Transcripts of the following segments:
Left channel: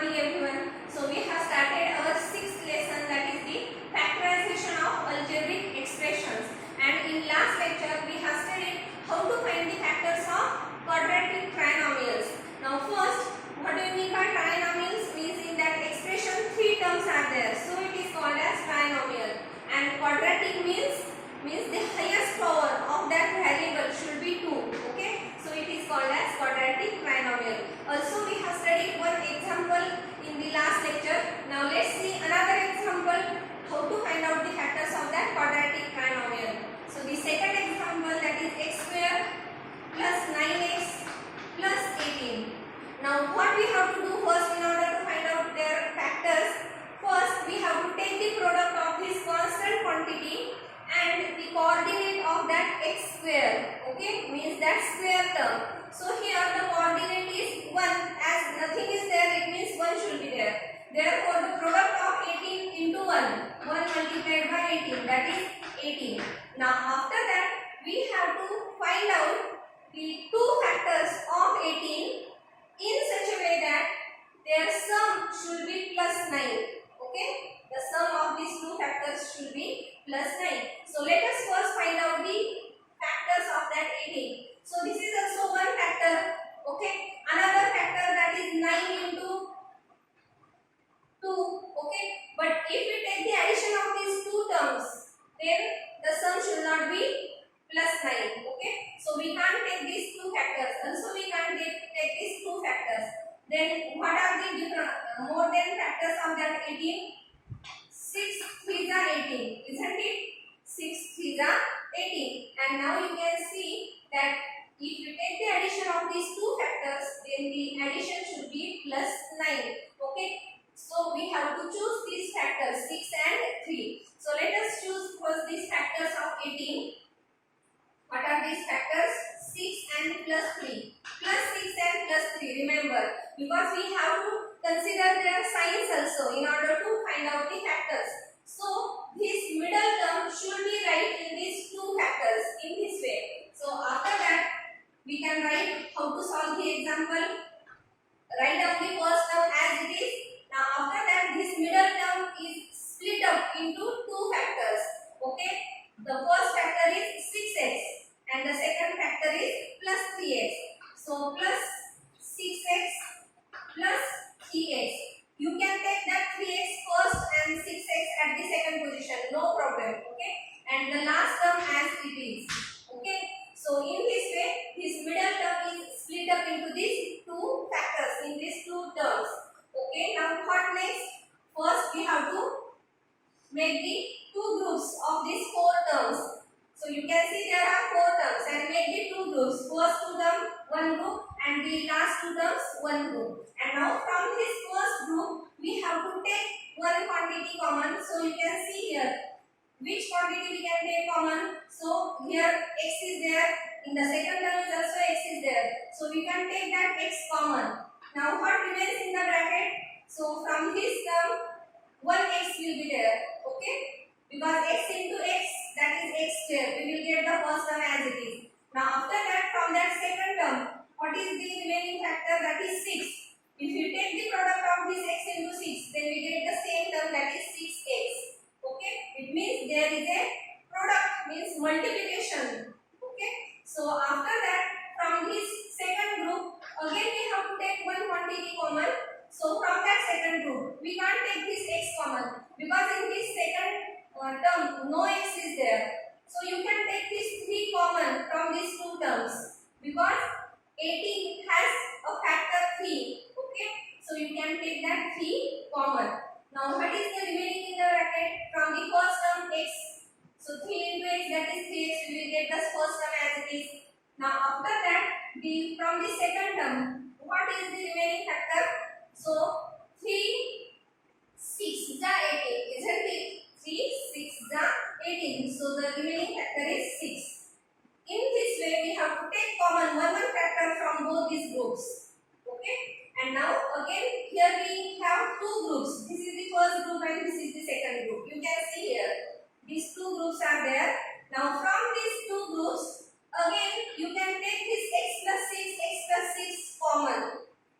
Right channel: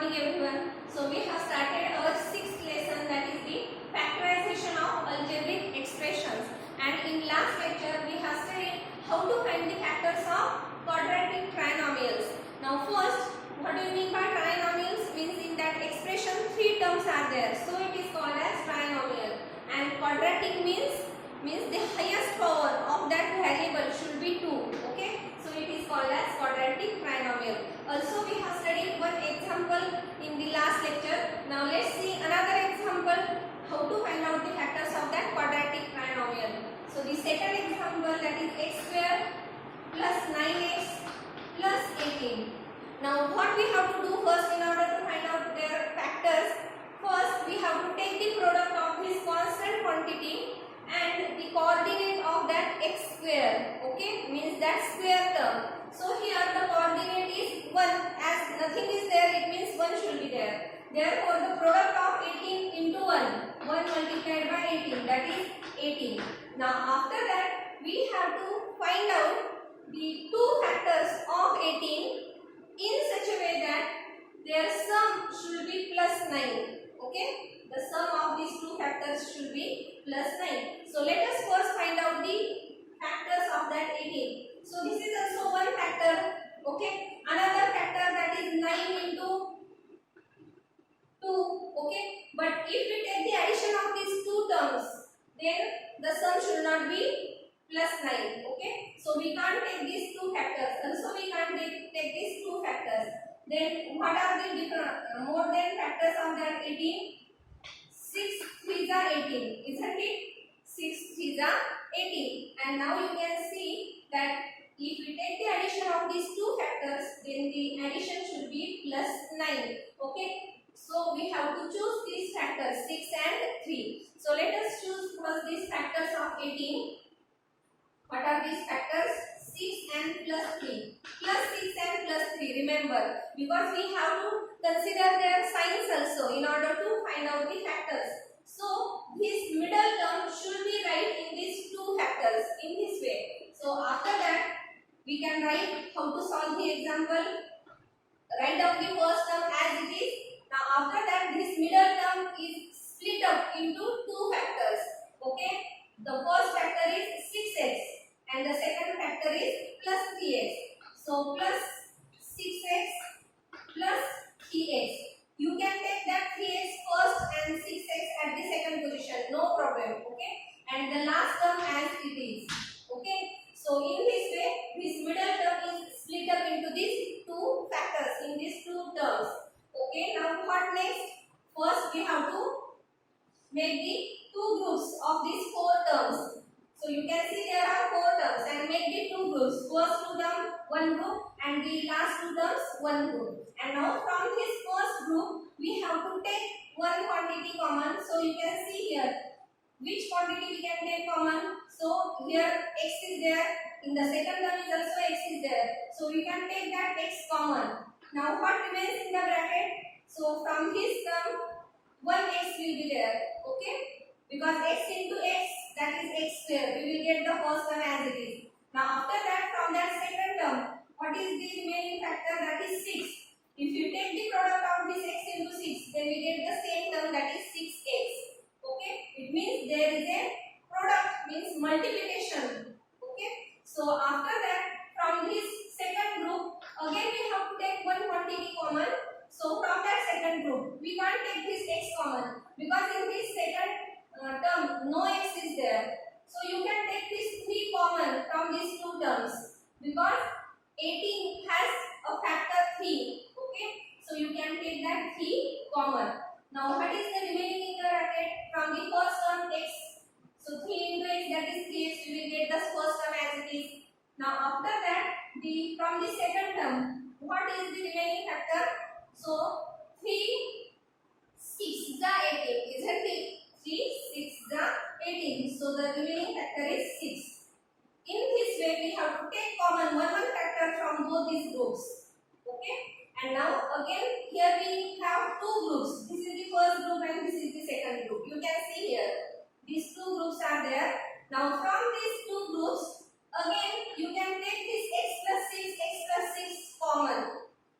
morning everyone. So we have started our sixth lesson, that is the factorization of algebraic expressions, and in last lecture we have studied how to find the factors of quadratic trinomials. Now first, what do you mean by trinomials? Means in that expression three terms are there, so it is called as trinomial. And quadratic means the highest power of that variable should be 2. Okay, so it is called as quadratic trinomial. Also we have studied one example in the last lecture. Now let's see another example how to find out the factors of that quadratic trinomial. So the second example, that is x square plus 9x plus 18. Now what we have to do first in order to find out their factors? First we have to take the product of this constant quantity and the coordinate of that x square. Okay, means that square term. So here the coordinate is 1, as nothing is there, it means 1 should be there. Therefore the product of 18 into 1 multiplied by 18, that is 18. Now after that we have to find out the two factors of 18 in such a way that their sum should be plus 9. Okay, the sum of these two factors should be plus 9. So let us first find out the factors of that 18. So this is also one factor. Okay, another factor, that is 9 into 2. Okay, but if we take the addition of these two terms, then the sum should not be plus 9. Okay, so we can't take these two factors. Also we can't take these two factors. Then what are the different more than factors of that 18? 6 3s are 18, isn't it? 6 3s are 18. And now you can see that if we take the addition of these two factors, then the addition should be plus 9. Okay, so we have to choose these factors 6 and 3. So let us choose first these factors of 18. What are these factors? 6 and plus 3. Plus 6 and plus 3. Remember, because we have to consider their signs also in order to find out the factors. So this middle term should be right in these two factors in this way. So after that we can write how to solve the example. Write down the first term as it is. Now after that this middle term is split up into two factors. Okay, the first factor is 6x and the second factor is plus 3x. So plus 6x plus 3x. You can take that 3x first and 6x at the second position, no problem. Okay, and the last term as it is. Okay, so in this way this middle term is split up into these two factors, in these two terms. Okay, now what next? First we have to make the two groups of these four terms. So you can see there are four terms, and make the two groups. First two terms one group and the last two terms one group. And now from this first group we have to take one quantity common. So you can see here which quantity we can take common. So here x is there, in the second term is also x is there. So we can take that x common. Now what remains in the bracket? So from this term 1x will be there. Okay, because x into x, that is x square, we will get the first term as it is. Now after that, from that second term, what is the remaining factor? That is 6. If you take the product of this x into 6, then we get the same term, that is 6x. Okay, it means there is a product, means multiplication. Okay, so after that, from this second group, again we have to take one quantity common. So from that second group, we can't take this x common, because in this second term no x is there. So you can take this 3 common from these two terms, because 18 has a factor 3. Okay, so you can take that 3 common. Now what is the remaining in the bracket? From the first term x, so 3 into x, that is 3x, we will get the first term as it is. Now after that, from the second term, what is the remaining factor? So 3 6 18, isn't it? 3 6 18. So the remaining factor is 6. In this way we have to take common one factor from both these groups. Okay, and now again here we have two groups. This is the first group and this is the second group. You can see here these two groups are there. Now from these two groups, again you can take this x plus 6 common,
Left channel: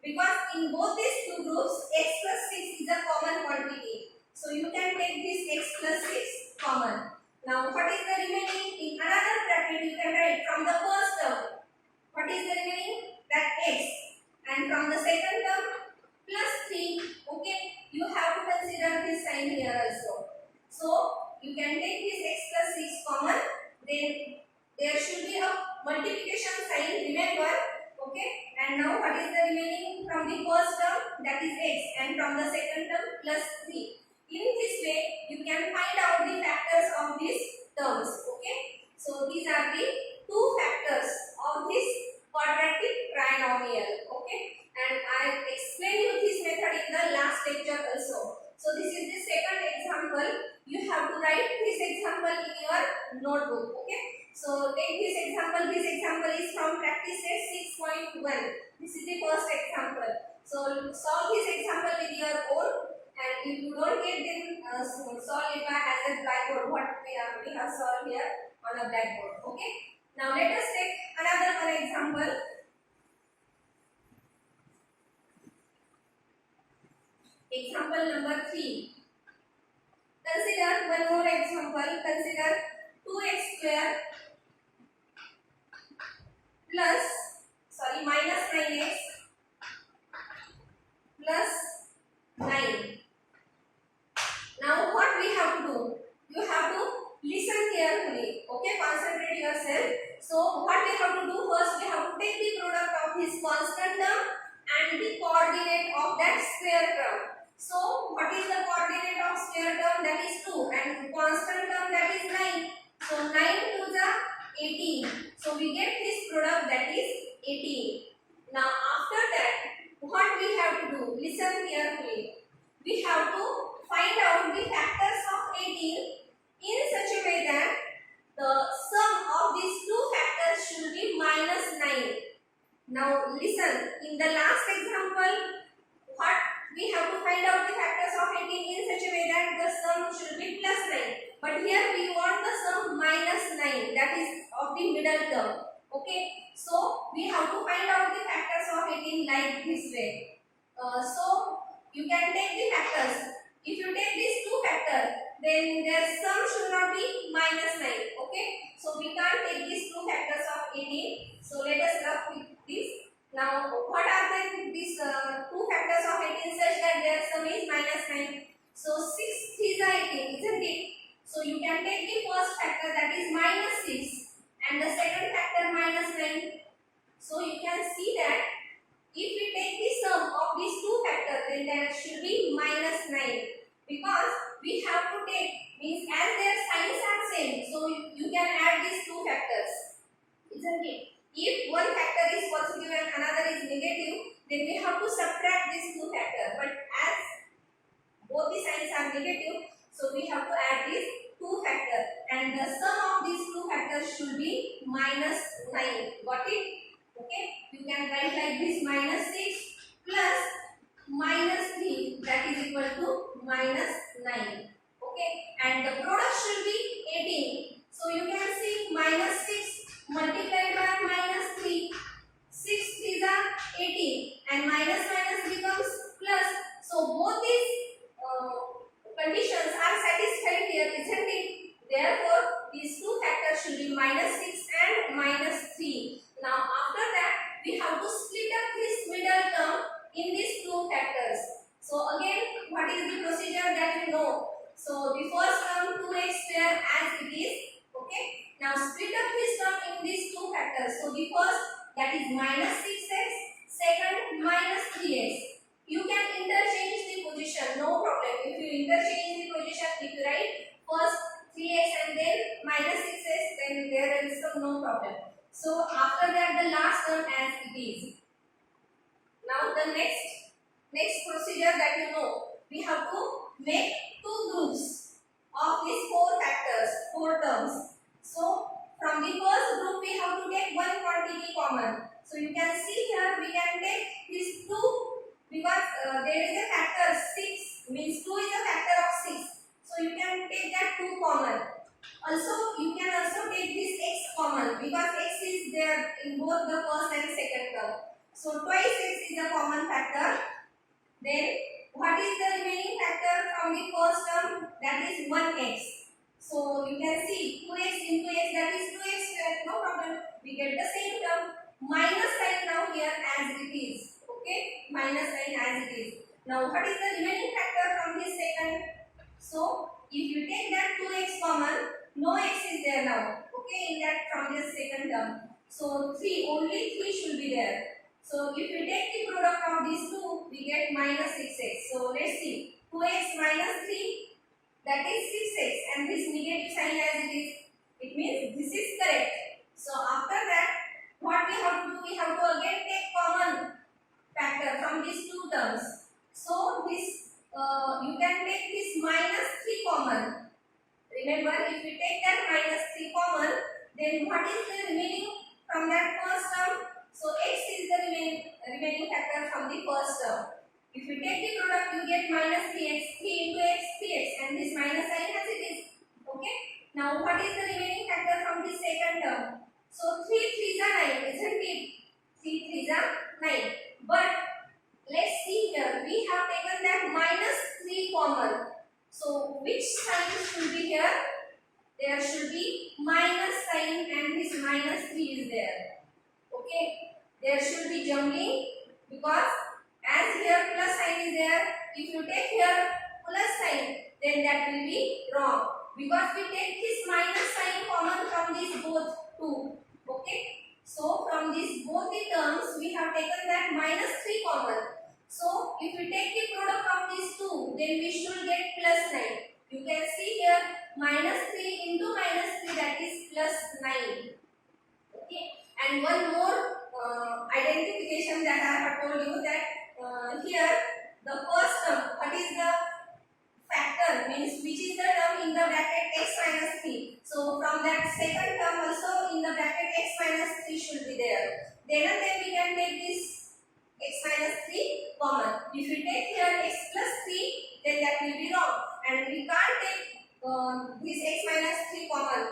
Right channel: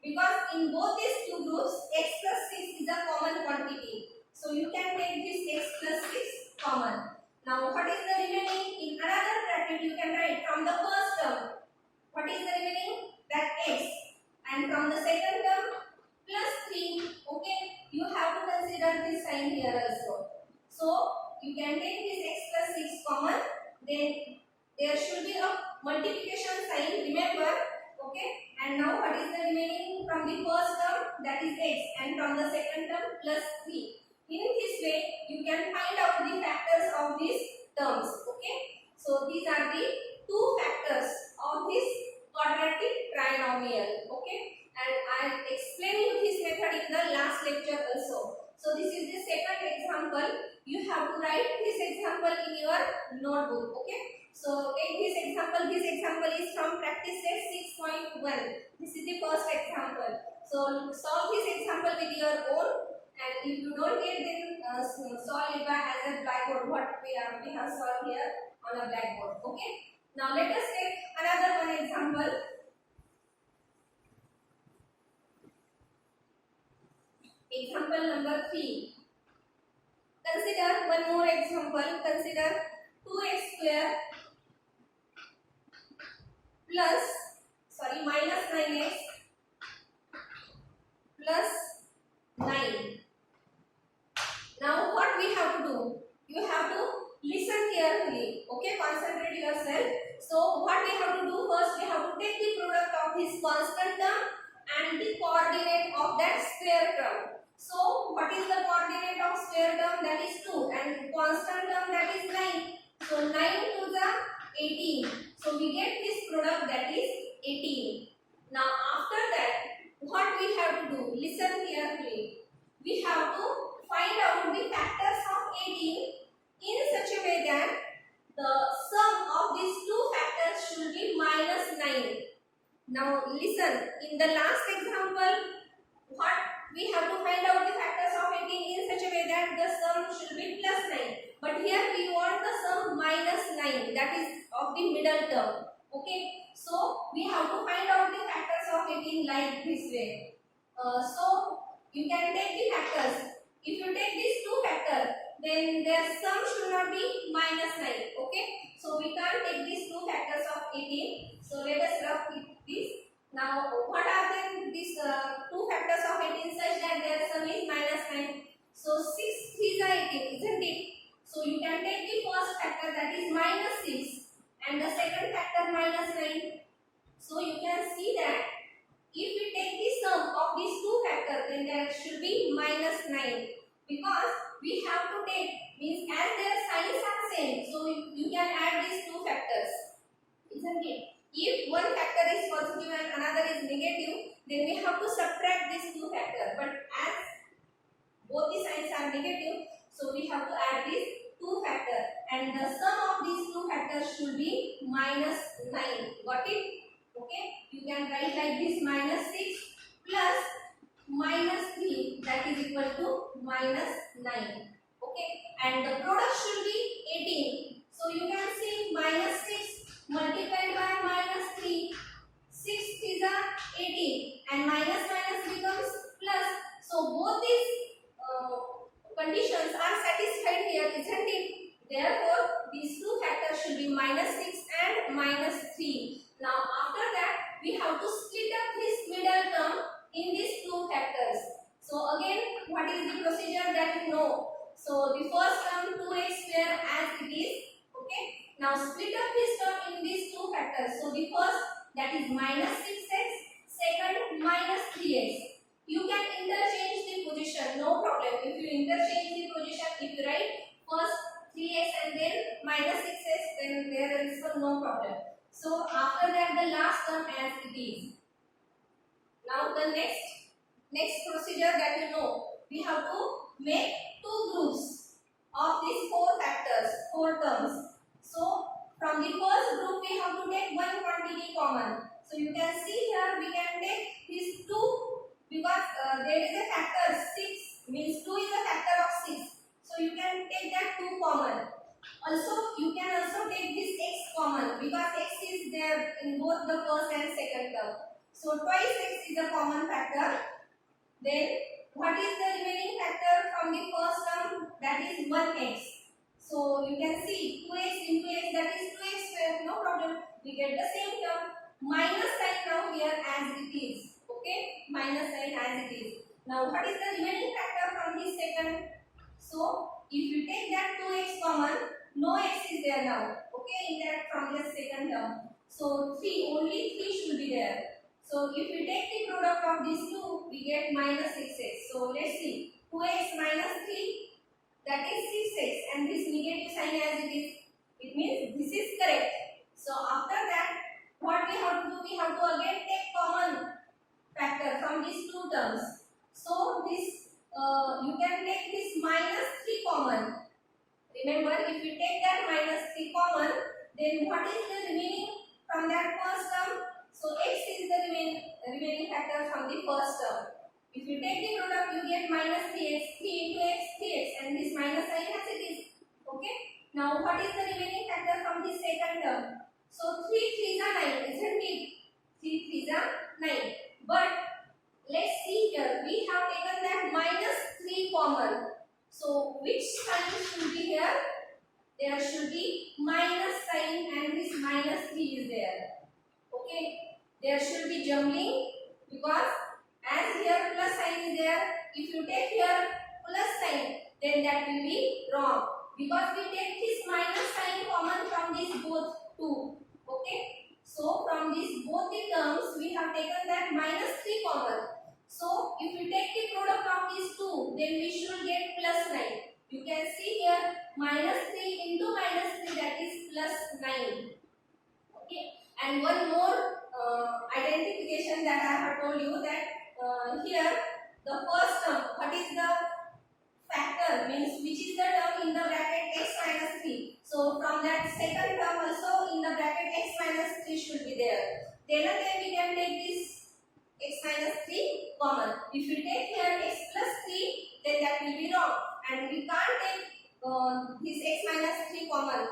because in both these two groups, x plus 6 is a common quantity. So you can take this x plus 6 common. Now what is the remaining? In another bracket you can write from the first term. What is the remaining? That x. And from the second term plus 3. Okay. You have to consider this sign here also. So you can take this x plus 6 common. Then there should be a multiplication sign. Remember. Okay. And now what is the remaining from the first term? That is x. And from the second term plus 3. In this way, you can find out the factors of these terms. Okay. So these are the two factors of this quadratic trinomial. Okay. And I explained you this method in the last lecture also. So this is the second example. You have to write this example in your notebook. Okay. So take this example. This example is from practice set 6.1. This is the first example. So solve this example with your own. And if you don't get then solve it by as a blackboard. What we have solved here on a blackboard. Okay. Now let us take another one example. Example number 3. Consider one more example. Consider 2x square minus 9x plus 9. Now what we have to do? You have to listen carefully. Okay, concentrate yourself. So what we have to do first? We have to take the product of this constant term and the coordinate of that square term. So what is the coordinate of square term? That is 2, and constant term that is 9. So 9 to the 18. So we get this product that is 18. Now after that, what we have to do? Listen carefully. We have to find out the factors of 18 in such a way that the sum of these two factors should be minus 9. Now listen, in the last example, what we have to find out the factors of 18 in such a way that the sum should be plus 9. But here we want the sum minus 9, that is of the middle term. Okay, so we have to find out the factors of 18 like this way. So you can take the factors. If you take these two factors, then their sum should not be minus 9. Okay, so we can't take these two factors of 18. So let us work with this. Now what are then these two factors of 18 such that their sum is minus 9? So 6 3s are 18, isn't it? So you can take the first factor, that is minus 6, and the second factor minus 9. So you can see that if we take the sum of these two factors, then there should be minus 9, because we have to take, means as their signs are same, so you can add these two factors, isn't it? If one factor is positive and another is negative, then we have to subtract these two factors. But as both the signs are negative, so we have to add these two factors, and the sum of these two factors should be minus 9. Got it? Okay. You can write like this: minus 6 plus minus 3, that is equal to minus 9. Okay. And the product should be 18. So you can see minus 6 multiplied by minus 3. 6 3s are 18, and minus minus becomes plus. So both these conditions are satisfied here, isn't it? Therefore, these two factors should be minus 6 and minus 3. Now after that, we have to split up this middle term in these two factors. So again, what is the procedure that you know? So the first term 2x square as it is. Okay. Now split up this term in these two factors. So the first, that is minus 6x, second minus 3x. You can interchange the position, no problem. If you interchange the position, if you write first 3x and then minus 6x, then there is no problem. So after that, the last term as it is. Now the next procedure that you know, we have to make two groups of these four terms. So from the first group, we have to take one quantity common. So you can see here, we can take these two, because there is a factor 6, means 2 is a factor of 6. So you can take that 2 common. Also, you can also take this x common, because x is there in both the first and second term. So twice x is a common factor. Then what is the remaining factor from the first term? That is 1x. So you can see 2x into x, that is 2x square. No problem. We get the same term. Minus sign now here as it is. Okay, minus sign as it is. Now what is the remaining factor from this second? So if you take that 2x common, no x is there now. Okay, in that from this second term. So 3, only 3 should be there. So if we take the product of these two, we get minus 6x. So let's see. 2x minus 3, that is 6x, and this negative sign as it is. It means this is correct. So after that, what we have to do? We have to again take common factor from these two terms. So this you can take this minus 3 common. Remember, if you take that minus 3 common, then what is the remaining from that first term? So x is the remaining factor from the first term. If you take the product, you get minus 3x, 3 into x, 3x, and this minus sign as it is. Okay. Now what is the remaining factor from the second term? So 3 3s are 9, isn't it? 3 3s are 9. But let's see here. We have taken that minus 3 common. So which sign should be here? There should be minus sign, and this minus 3 is there. Okay. There should be jumbling, because as here plus sign is there, if you take here plus sign, then that will be wrong, because we take this minus sign common from these both two. Okay. So from these both the terms, we have taken that minus 3 common. So if we take the product of these two, then we should get plus 9. You can see here minus 3 into minus 3, that is plus 9. Okay. And one more identification that I have told you, that here the first term, what is the factor, means which is the term in the bracket x minus 3. So from that second term also in the bracket x minus 3 should be there. Then again we can take this x minus 3 common. If we take here x plus 3, then that will be wrong, and we can't take this x minus 3 common,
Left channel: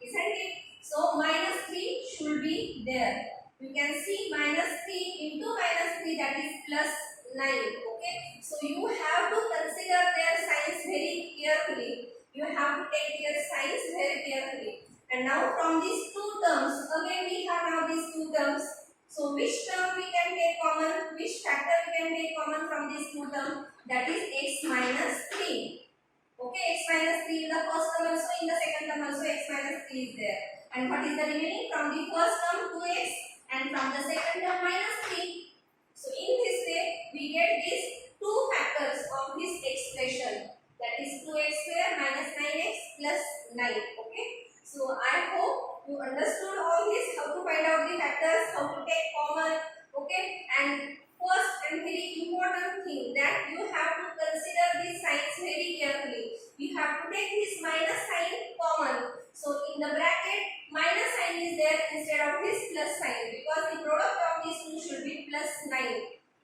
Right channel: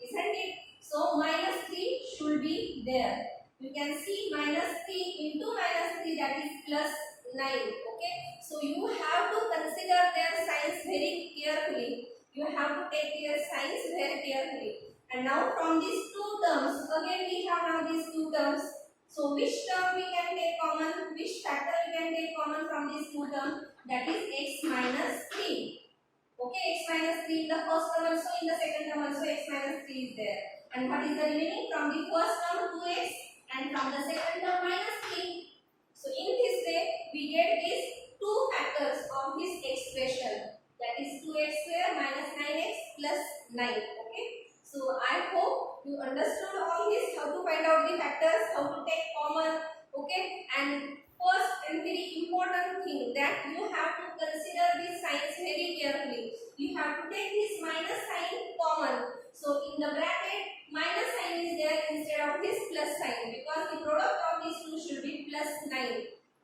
isn't it? So minus 3 should be there. You can see minus 3 into minus 3, that is plus 9. Okay. So you have to consider their signs very carefully. You have to take their signs very carefully. And now from these two terms, again we have now these two terms. So which term we can take common? Which factor we can take common from these two terms? That is x minus 3. Okay, x minus 3 in the first term also, in the second term also x minus 3 is there. And what is the remaining from the first term? 2x, and from the second term minus 3. So in this way, we get these two factors of this expression, that is 2x square minus 9x plus 9. Okay. So I hope you understood all this, how to find out the factors, how to take common. Okay. And first and very important thing, that you have to consider these signs very carefully. You have to take this minus sign common. So in the bracket, minus sign is there instead of this plus sign, because the product of these two should be plus 9.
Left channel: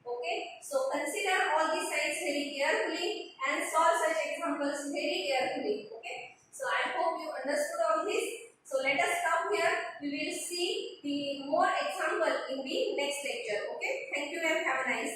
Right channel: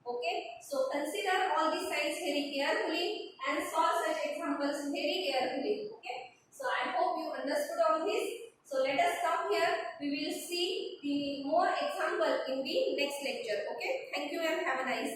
Okay. So consider all these signs very carefully and solve such examples very carefully. Okay. So I hope you understood all this. So let us stop here. We will see the more example in the next lecture. Okay. Thank you and have a nice day.